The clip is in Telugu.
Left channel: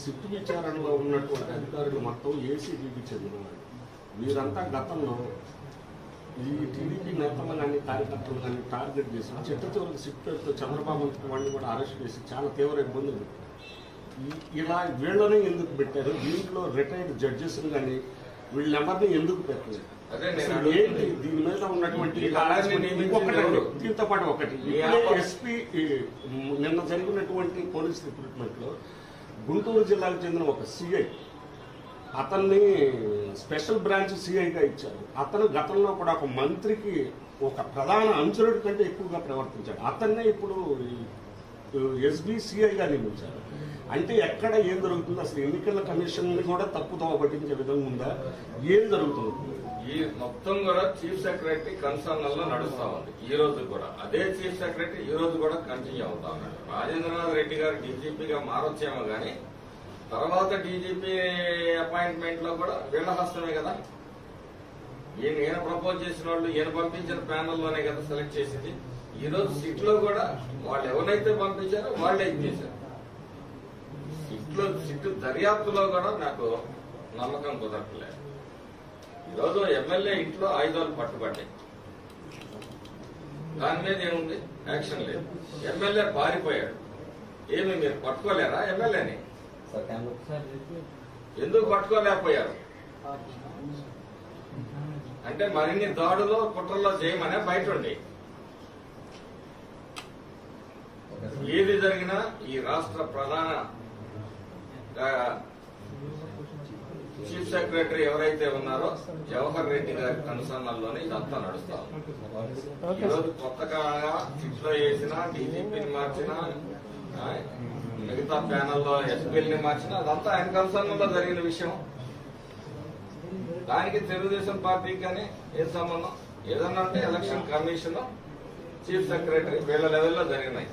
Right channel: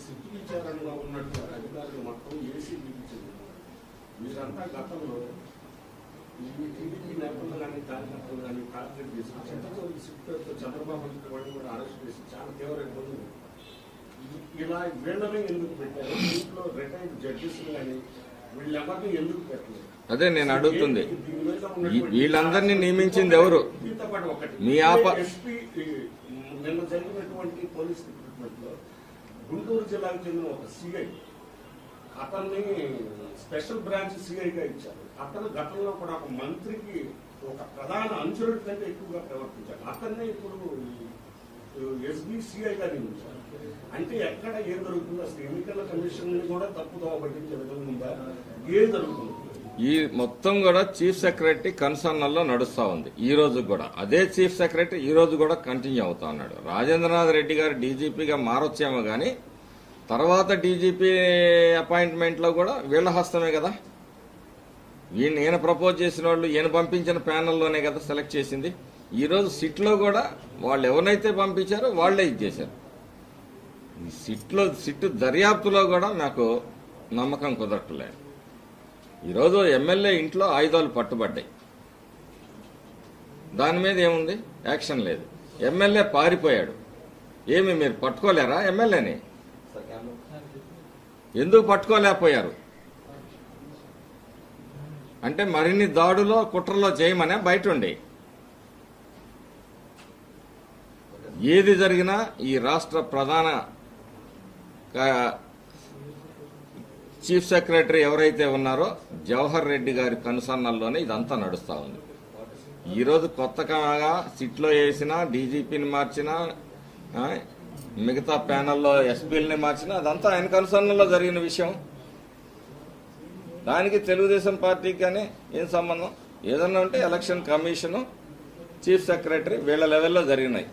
సిట్టు విచారణలో ఉన్నటువంటి అధికారులు మొత్తం ఏసీబీకి చెందినవాడు. మీరంతా గతంలో ఈ టీడీపీ నేతలు కానీ కార్యకర్తలు కానీ టార్గెట్ చేసి చివరికి సిట్టు పేరుతో చంద్రబాబు వాళ్ళని కూడా అరెస్ట్ చేసి చాలా తీవ్ర ఇబ్బందులు. ఇలా వీళ్ళని ఎందుకు పెట్టారు? దీంట్లో రిటైర్డ్ జడ్జెస్ కానీ వీళ్ళెవరిని ఎందుకు పెట్టలేదు? అదే నేను అడుగుతుంది. దీని మీద ఉన్నటువంటి వీళ్ళందరినీ నియమించింది ఎవరు? దీంతో పాటు ఒకటి మీ ఎస్పీ నిన్న జరిగినటువంటి పోలీస్ రిక్రూట్మెంట్ లో గుంటూరు జిల్లాకు చెందిన ఒక సిఐ, అతన్ని స్పెషల్ బ్రాంచ్ సిఐగా ఇచ్చారు. అతను గతంలో కూడా ఒక మంత్రికి ఒక ప్రధాన అంచరుడి కంటే ఎక్కువగా ప్రవర్తించాడు. అతన్నే ఇప్పుడు ఎస్బీసీఐగా నియమించారు. అంటే ఎక్కడ ఏం జరుగుతుంది? అసలు ఎన్నికల కమిషన్ ని కూడా తప్పుదోవ పట్టించే విధంగా ఉందా? ఏం జరుగుతుంది? ఈ మొత్తం కూడా చీఫ్ సెక్రటరీ కన్సర్నల్లో నడుస్తా ఉంది. ఈ రోజు కూడా అదే చీఫ్ సెక్రటరీ ఈ రోజు కూడా కంటిన్యూ అవుతా ఉన్నాడు. రాజేంద్రనాథ్ రెడ్డి గారు డీజీపీగా మారొచ్చేమో గానీ తర్వాత డీజీపీ అపాయింట్మెంట్ లో కూడా వీళ్ల హస్తమే కదా. ఈయన ప్రపోజ్ చేసిన వాళ్ళు ఈయన పంపించిన ప్యానెల్లోనే కదా సెలెక్ట్ చేసింది. ఈ రోజు సిట్ లో కూడా వాళ్ళు ఎవరైతే పంపించారో వాళ్లే ఇచ్చేశారు. సిట్ దర్యాప్తులో కూడా నాకు నమ్మకం కుదరట్లేదు. ఈరోజు ఎమ్మెల్యే ఇంట్లో ఆయుధాలు పట్టుబడ్డాయి. దాని మీద ఏముంది? యాక్షన్ లేదు. ఎమ్మెల్యే పారిపోయాడు. ఏమి మీరు పట్టుకోలేరా ఎమ్మెల్యేని? ఎందుకు పట్టుకోలేకపోయారు? అంటే మరిన్ని దాడులో కుట్రలో చేయమనే బయట ఉండి ఏది జరిగినా ఈ రాష్ట్ర ప్రధాన చీఫ్ సెక్రటరీ ఎవరైతే ఉన్నారో జవహర్ రెడ్డి గారి కనుసన్నల్లోనే ఇదంతా నడుస్తా ఉంది. ఈరోజు కొత్తగా సిట్లో వేసినా, డీజీపీని మార్చినా, మిగతా ప్యానెల్లో ఎస్పీలని మార్చినా అదంతా ఆయన కనుసన్నల్లో జరిగిన విషయం. దానికి తెలుగుదేశం పార్టీకి కానీ ఏం సంబంధం? ఏదన్నా అంటే ఎలక్షన్ కమిషన్, చీఫ్ సెక్రటరీ వీళ్ళ లెవెల్లో జరిగినాయి.